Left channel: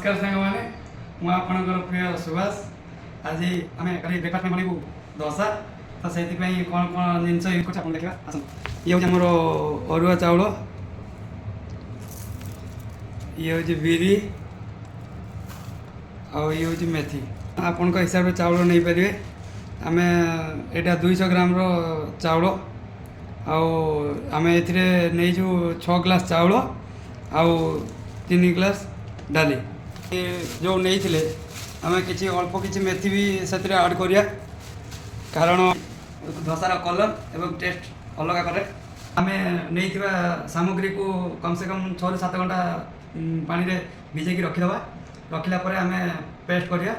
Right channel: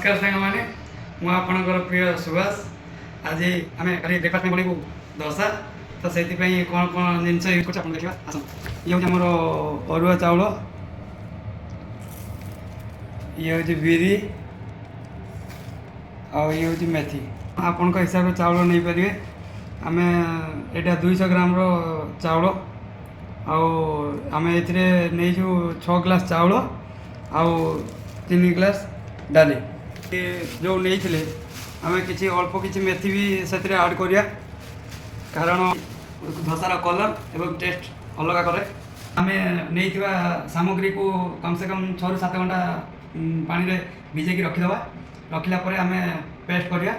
नमस्कार सांग मैंने मुझे आपणकर प्रिय सुभाष आज आम ब्रेकफास्ट में बनइबू दशा तो से कौन कौन जिन यूज कर देखा आस ये हूँ मोर अरुआ चाउल ये हूँ बिरी ये हूँ मेथी आपण हिसाब से चाउल नहीं पारे आम यहाँ 200 ग्राम चाउल आम ए नहीं 6 ग्लास चाउल आउ 3 ग्लास डाली जो नहीं आम कि अल्प किसी मेथी भी से आड करिया कारण धसार कलर एवं टेस्ट अलग कै आम नहीं सामग्री को कम से कम 6 ରୁ 7 घंटा पानी रे भिजेकी रखीदे रखिला आम पेस्ट करिया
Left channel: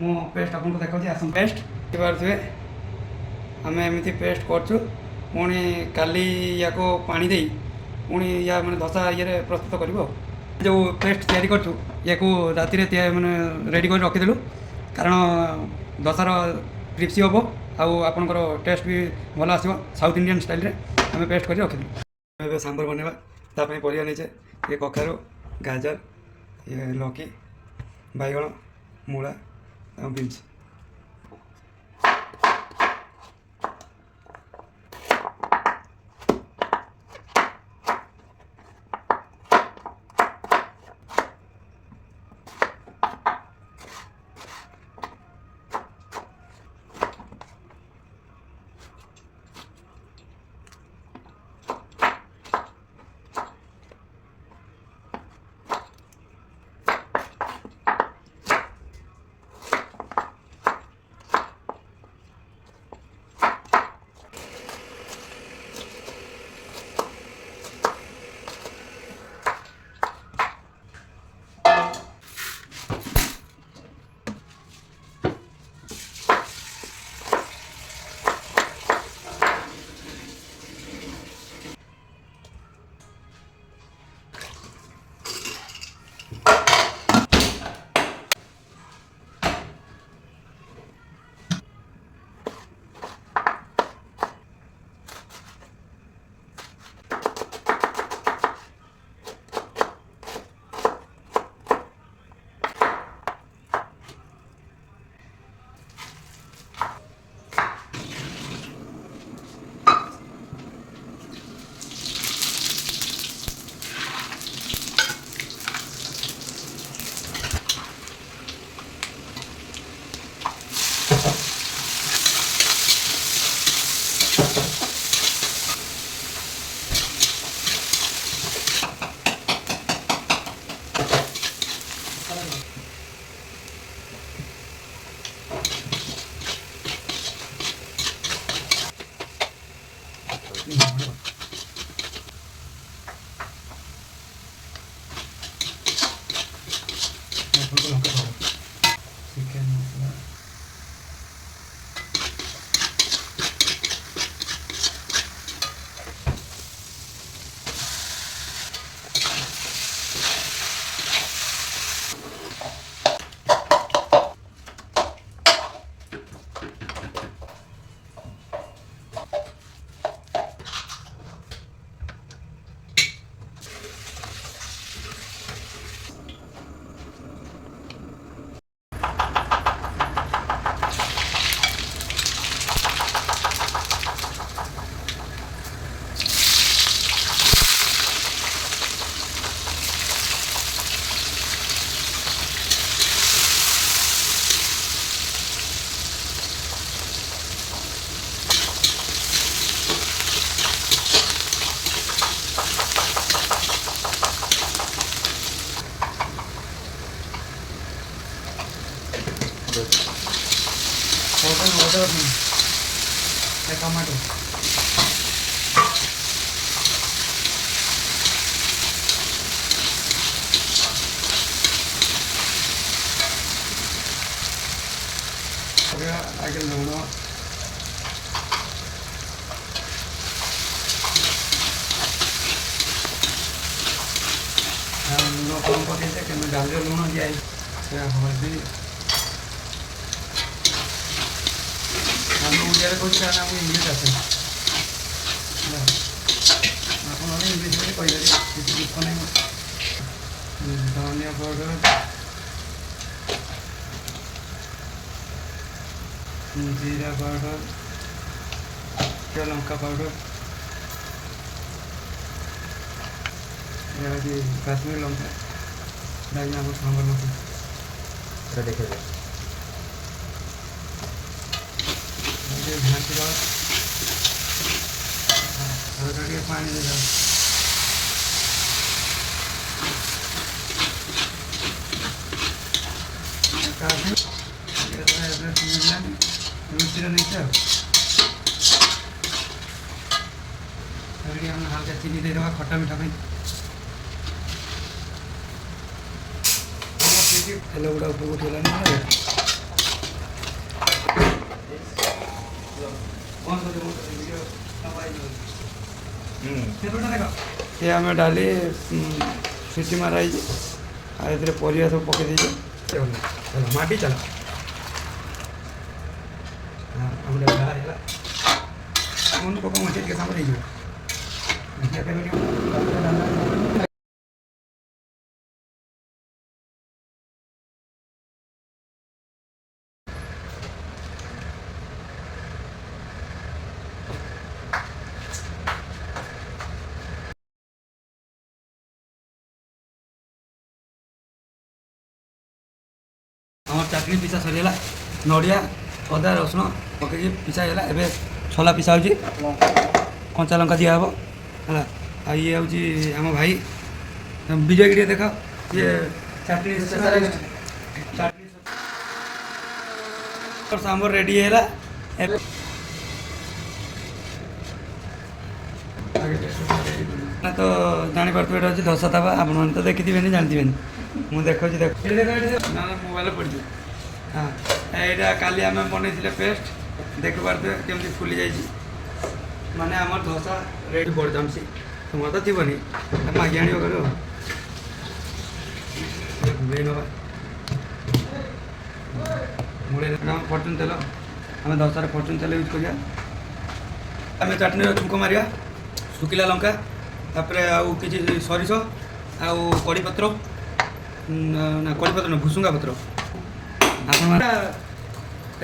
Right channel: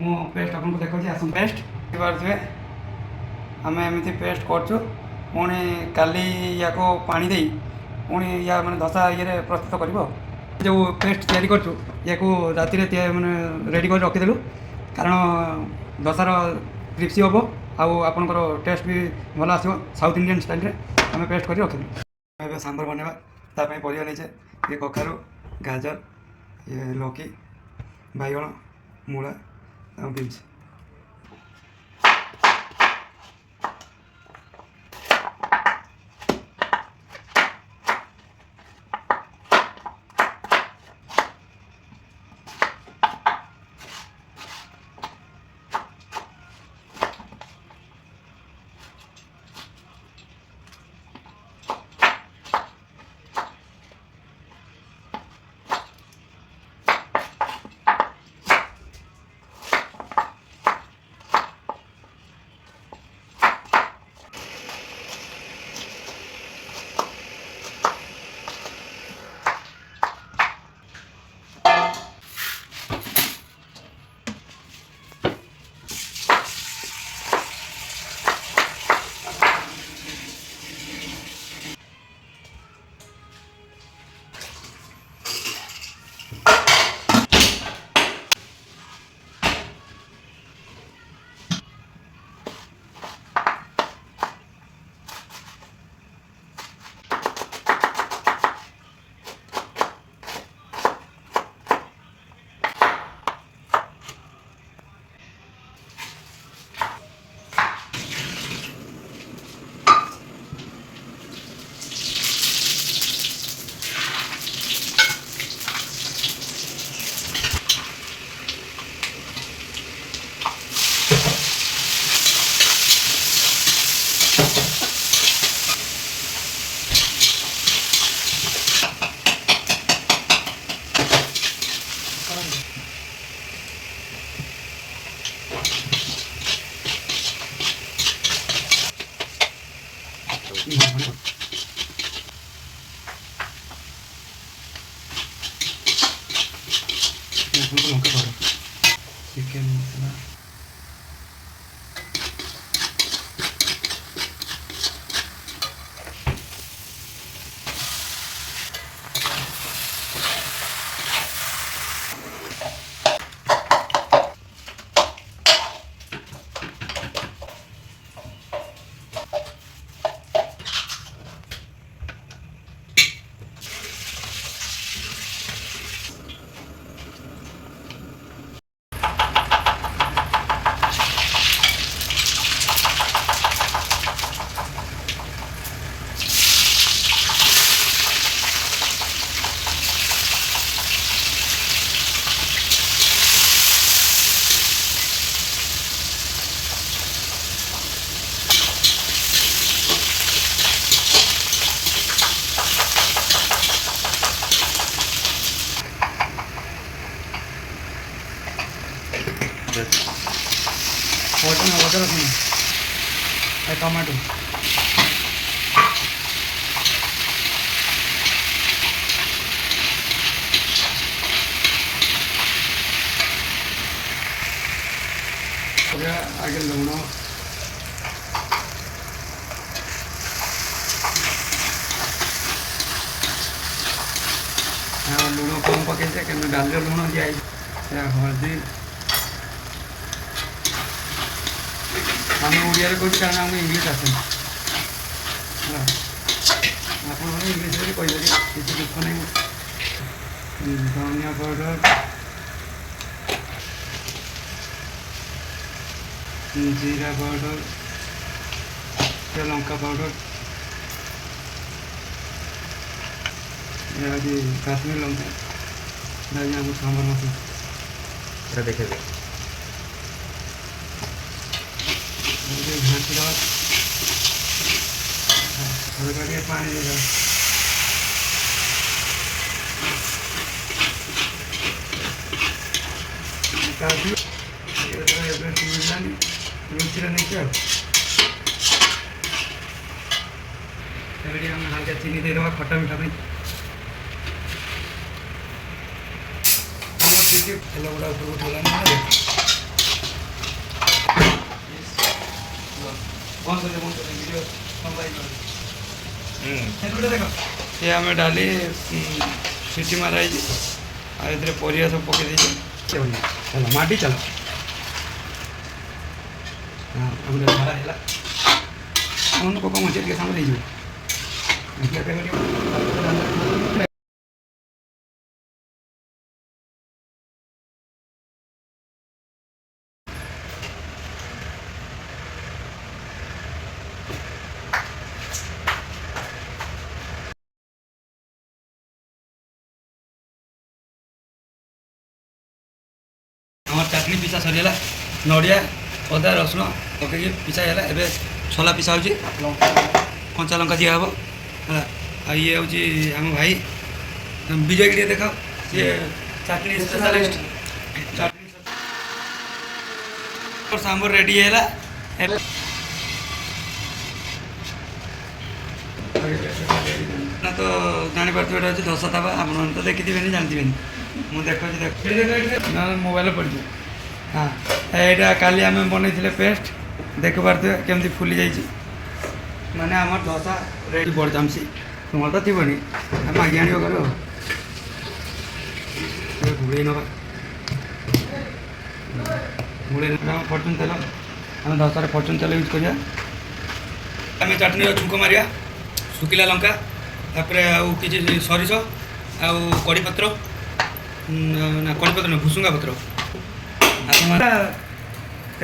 मो पेस्ट आपको देखा आस पेस्ट पारे आम एमती पेस्ट करछु पुणी काली या पानी दे पुणी या मैंने धसा ये प्रस्तुत कर जो पेस्ट तैयारी करछु या राति मैंने रेडी कर रखीदेलु कारण दशार क्रिप्सी हम आपंकर टेस्ट भी भल आस साउथ इंडियन स्टाइल आम पेस्ट कर रखीदेलु सांबर बनवा ताप परिया नहीं ये कखारु गाजर ये लौकी बैगण मूला और बीन्स चिकेन मसला टमाटो आगे लुण लुण कम पकड़े कि डाल लुण दिखाई हल्दी आम ओडिया कौट कारण आम इंग्लीश आसे आप इंग्लीश कही दुख नहीं धनिया पाउडर जीरा पाउडर, लंका पाउडर, काश्मीर लंका आम सांबर এটা দেখে দে घाटी हल्का के पानी देगा काफी हल्का चीनी दे देवा खट्टा मीठा तेल गुड़ा उपरକୁ ଉଠେଇଲାଣି ये आम डाली सीटी माराई परिया सब पकई दीजिए माटी चल उनको कौन के सामने दीजिए আমার চাটনি পিছা সরিগলা নড়িয়া অদা রসুণ পকাইকি পিছা ହେଲା ଏବେ ଛୋଲା ପିସା ହେଉଛି କଞ୍ଚା ଲଙ୍କା ଦିଆ ହେବ ହେଲା ଆଉ ଇଏ ହେଉଛି ଆମ ଭାଇ ବିଜୟ ଟିକେ ଦେଖାଅ ସିଏ ଚାଟନି ସ୍ପେଶାଲିଷ୍ଟ ସାମ୍ବର ରେଡ଼ି ହେଲା ନା ତ ଜାଣିପାରୁଥିବେ ଏଇଟା ହେଉଛି ଦଶ ତାବା ଆପଣମାନେ ତ ଦେଖିଥିବେନି ଜାଣିଥିବେନି ମୁଁ ଦେଖୁଛି ନା ମୋବାଇଲ ପଡ଼ିଛି ହଁ ଏଇଟା କାଲି ଆମେ ବନେଇଥିଲେ ପେଷ୍ଟ ଦେଖିପାରୁଥିବେ କେମିତି ଫୁଲି ଯାଇଛି ମାନେ ଆମର ଦୋସା ରେଡ଼ି ବଢ଼ିଯାଉଛି ତୁମର ତ ଥିବନି ଆମେ ମାଗି ଆଣିବ କର ଘୋଡ଼େଇ ନେବା ଘୋଡ଼େଇ ନେବା ଆମେ ଫର୍ଚୁନ୍ ତେଲ ଆମେ ଦୋସାରେ ଫର୍ଚୁନ୍ ତେଲ ୟୁଜ୍ କରିବା ଆମେ ଚଟଣିର ଛୁଙ୍କ ମାରିବା ଶୁଖିଲା ଲଙ୍କା ତାପରେ ଆଉ କିଛି ସୋରିଷ ଆଉ କଢ଼ିପତ୍ର ନା କଢ଼ିପତ୍ର ନୁହେଁ ଭୁସୁଙ୍ଗା ପତ୍ର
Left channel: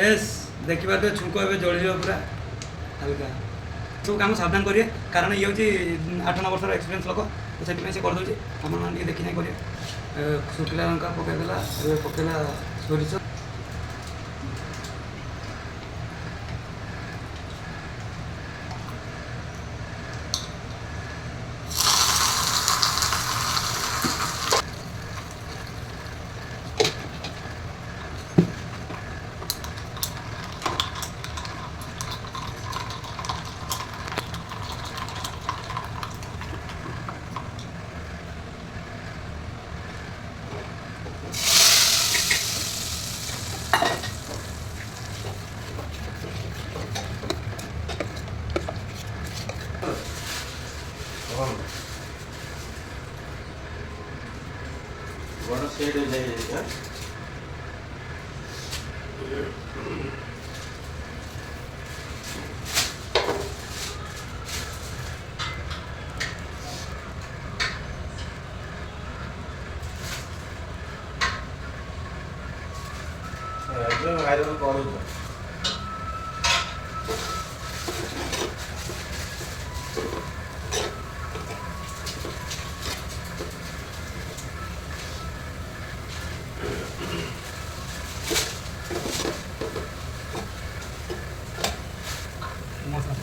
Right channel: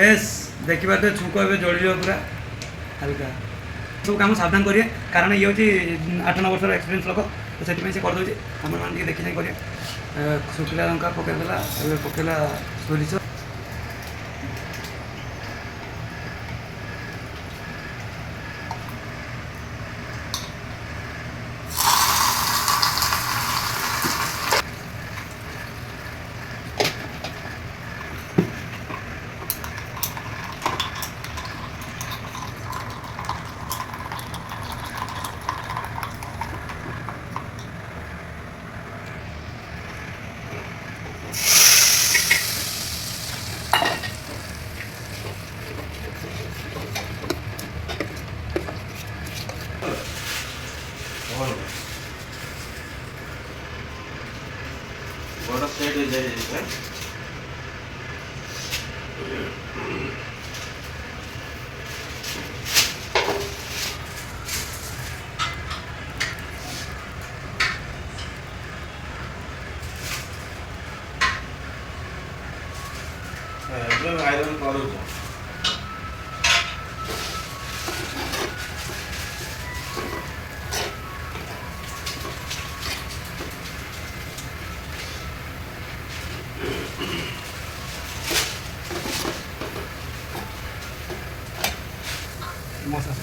ଏସ୍ ଦେଖିପାରୁଥିବେ ଛୁଙ୍କ ଏବେ ଜଳିଯିବ ପୁରା ହାଲକା ସବୁ କାମ ସାବଧାନ କରିବେ କାରଣ ଇଏ ହେଉଛି 8-9 ବର୍ଷର ଏକ୍ସପିରିଏନ୍ସ ଲୋକ ତ ସେଥିପାଇଁ ସେ କରିଦେଉଛି ଆପଣମାନେ ଟିକେ ଦେଖି ଚାହିଁ କରିବେ ଶୁଖିଲା ଲଙ୍କା ପକାଇଦେଲା ଏବେ ପକାଇଲା ସୋରିଷ বড় সেট হয়ে যায় এটা একদম আয়রন করো মশলা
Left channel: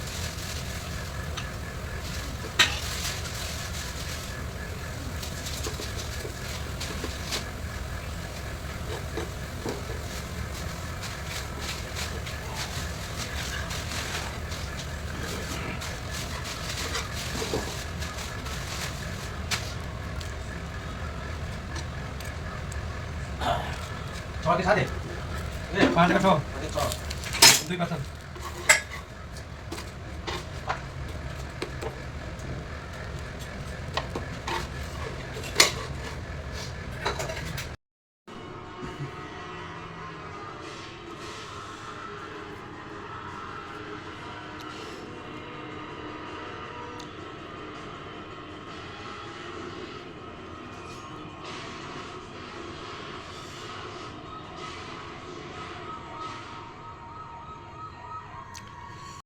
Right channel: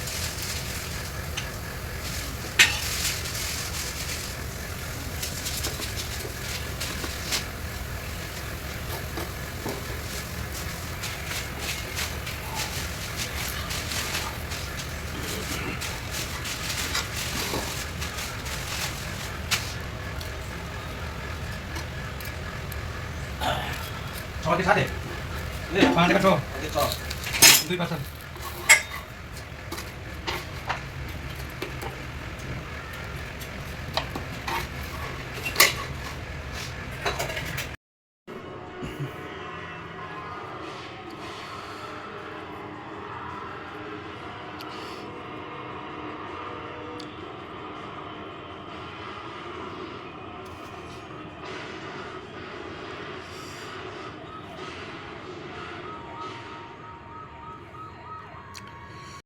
ছটি সাথে পাঁচ টাকা ছ দুই পাঁচ